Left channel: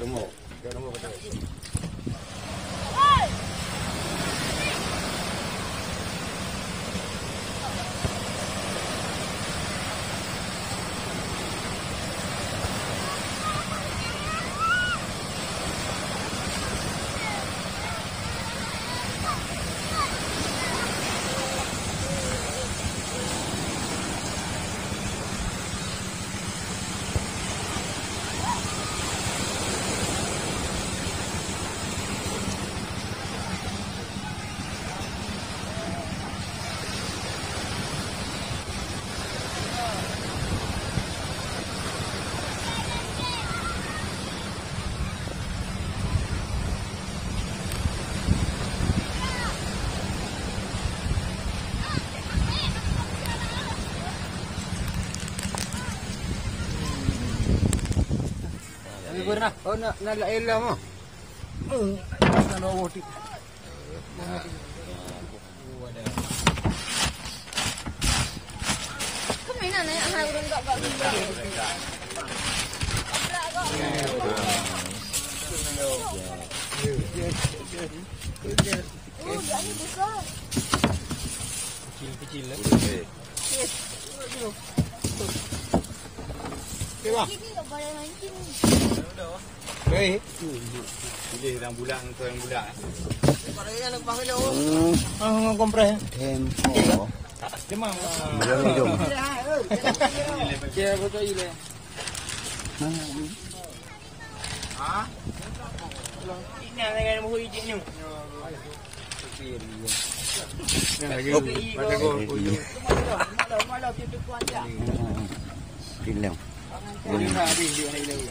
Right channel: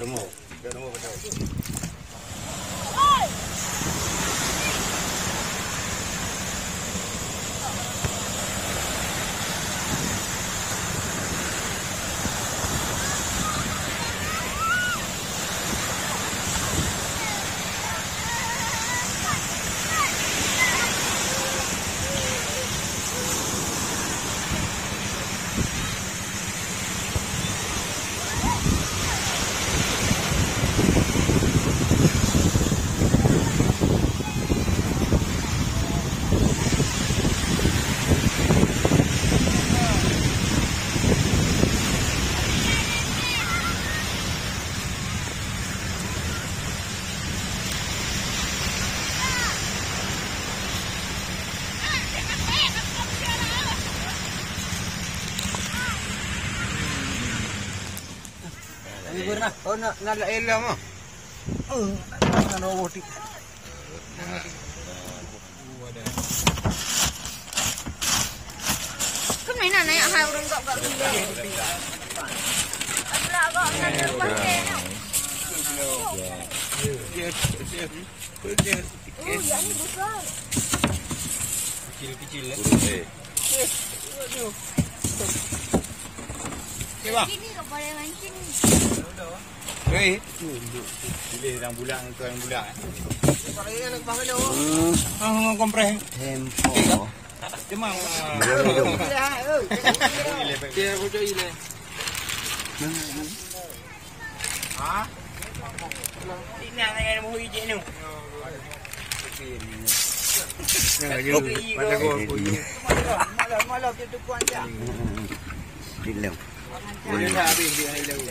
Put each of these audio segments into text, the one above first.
rumah betul. Pernah, oh nak elah mah. Nak roti. Kemana naik hai orang tak kat rumah. Tak kat rumah Kecil lah. Okay, bang. Ini tak boleh mancing. Okay. Pilih yang bulan itu yang bulan. Kompres. Tempo. Cemang. Dia bodoh ini. Ha? Ini yang mau hijau ni. Jangan je. Macam kau. Malam tu kuat je. Film. Boleh tak habis dia ni.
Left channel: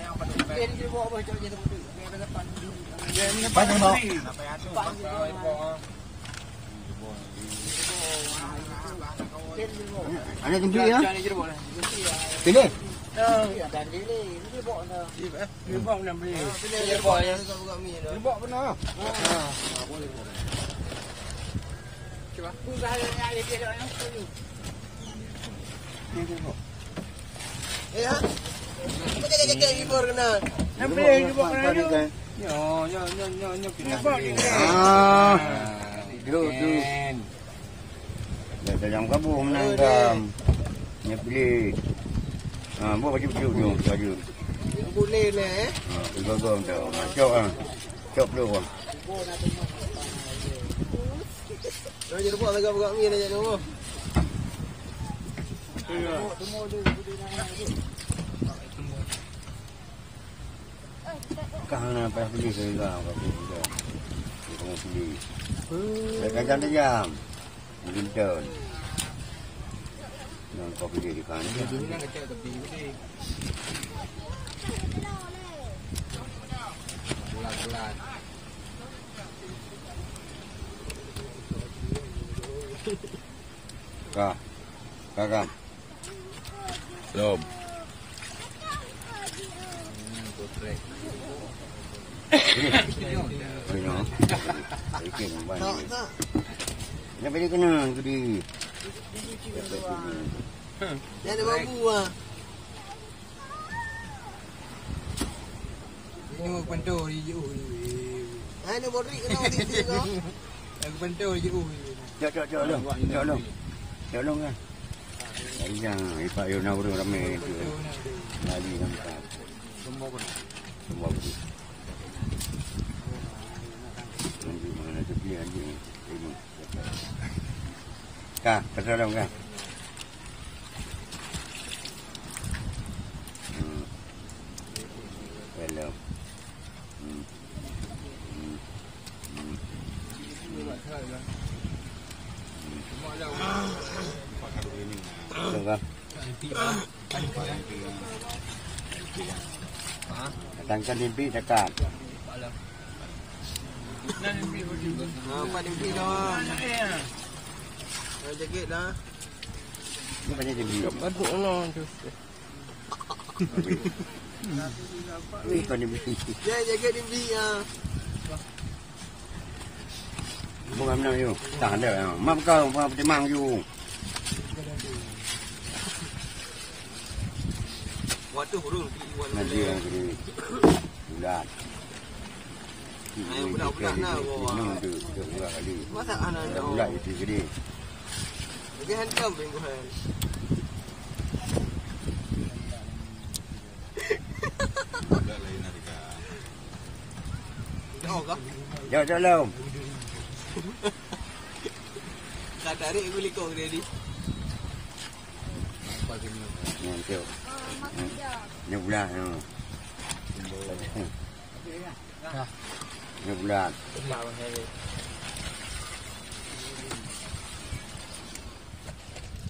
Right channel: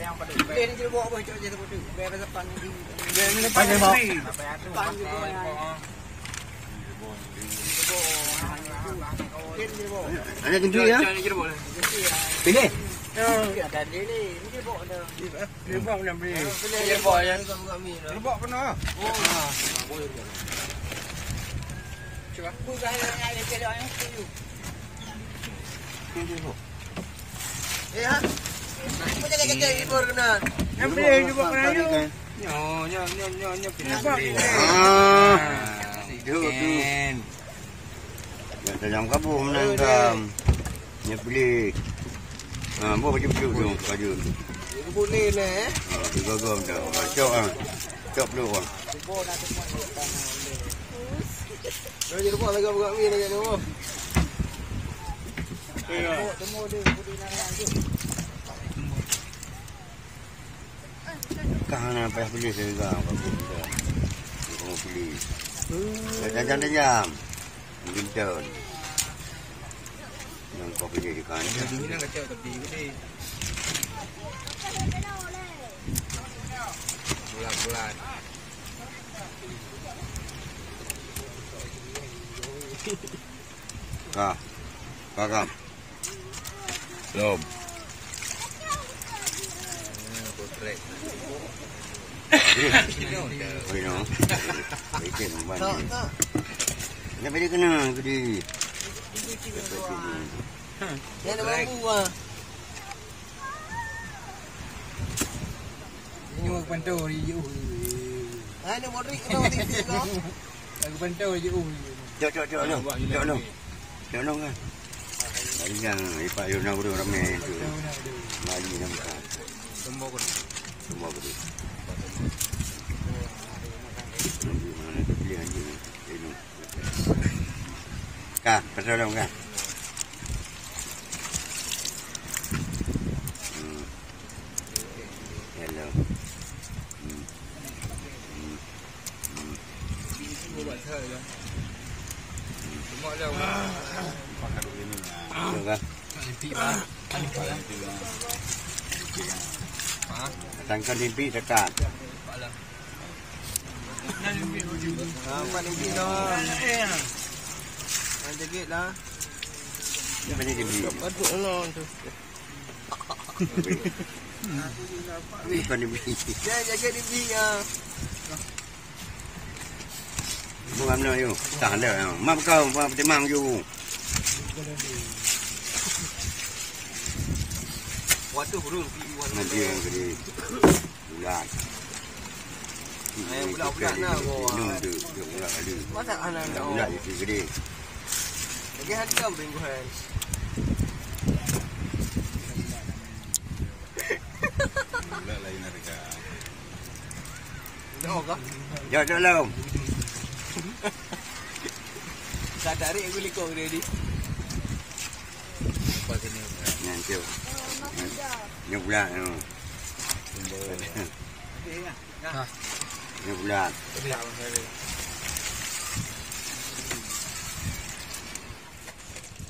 Dia ni bawa apa cok je tu. Biar depan ni. Dia ni depan ni. Ada tinggi ya? Pilih. Ada dia ni. Dia bawa dah. Dia bawa nak beli. Dia bawa yang dia bawa pernah. Cuba aku gaya dia dia yang tu. Ya. Macam kecil libur kena. Nampak dia buat kena ni. Nyo pindah. Hidup tu. Dah jam kabu menangkam. Nya beli. Bawa baju tu baju. Boleh lah Gogong dah. Cok ah. Cok dulu bang. Jadi buat lagi buat mi nak tu. Kang nak payah beli saya juga. Kamu beli. Jam. Mungkin tahun. Yang kau beli di kan. Jadi ni nak cakap tepi ni. Bulan-bulan. Kakak. Belum. Kotrek. Minum. Ikan banyak. Kenapa dia kena gede? Dia ada bambu ah. Ini pantu je. Ini modrik kena mati. Aku pantu je. Jom kan. Yang ipak yo nak buru ramai itu. Mali nampak. Semua beri. Tunggu mana tu dia anjing ini. Kak, pasal dong kak. Hello. Được không? Thành con điên pi tất cả. Ini macam điên pi. Ini con điên pi. Jaga điên pi ah. Bukan mana you? Tak ada. Mak kau apa temang you? Waktu burung. Maju yang gede. bulan. Ini bukan ini tu bulan kali. Masa anak Bulan itu gede. Lagi hari kambing bukan. Lain harga. Jauh kah? Ya dalam. Tak tarik beli kau dia ni. Apa sini? Nanti. Makan dah. Ini bulan tu. Ini bulan.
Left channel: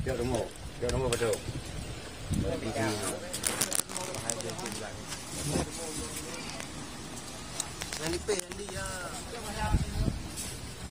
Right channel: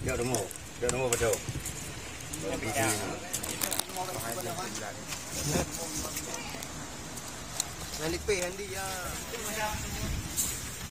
Ya rumah. Ya rumah betul. Yang dipeh Andi ya.